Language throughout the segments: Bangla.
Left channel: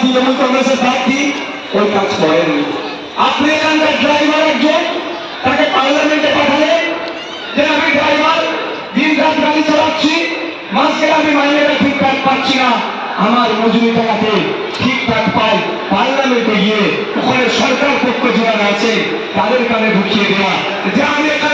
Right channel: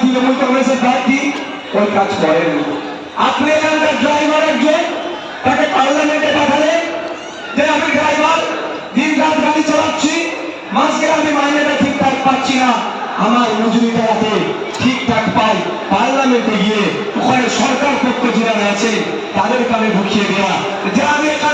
তৃণমূল কংগ্রেসের প্রার্থী ওই কাজ করেননি আপনি এখানকার ড্রাইভার একজন, তাকে পার্লামেন্টে পাঠালেন যে আমি ড্রাইভার দিন রাত গাড়ি চালাচ্ছি গেলে আমি মাইনেটা ঠিকঠাক পাচ্ছি না। আমার মজুরি টাকাতে ঠিকঠাক পাই পার্লামেন্টে গিয়ে ওখানে সরকার পক্ষ যারা আছে, তাদের কানে ঢুকিয়ে দেওয়া যে আমি এখান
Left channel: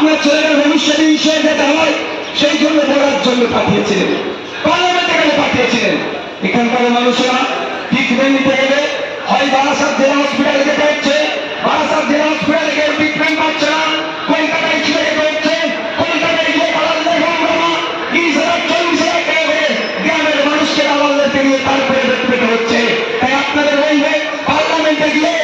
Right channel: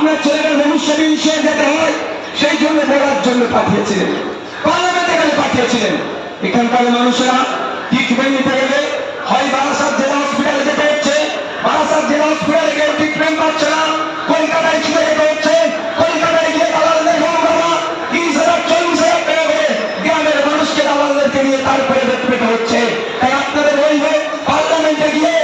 আপনার ছেলেকে ভবিষ্যতে ঈশ্বর যাতে হয়, সেই জন্য দেওয়ার জন্য পাঠিয়েছিলেন। পার্লামেন্টে গেলে পাঠিয়েছিলেন? এখানকার মানুষেরা ট্রিটমেন্ট নিতে গেলে হয় বারাসাত জেলা হসপিটালে যেতে হচ্ছে, বারাসাত জেলা হসপিটালে গিয়ে ট্রিটমেন্ট পাচ্ছে না, কলকাতায় ছেড়ে যেতে হচ্ছে, কলকাতায় গিয়ে দালাল দেখে বাবা তিরিশ হাজার, চল্লিশ হাজার টাকা করে গ্রামের মানুষকে দালালদেরকে নিয়ে তারপরে পেতে হচ্ছে। তাই আপনাদের বলবে, পার্লামেন্টে গিয়ে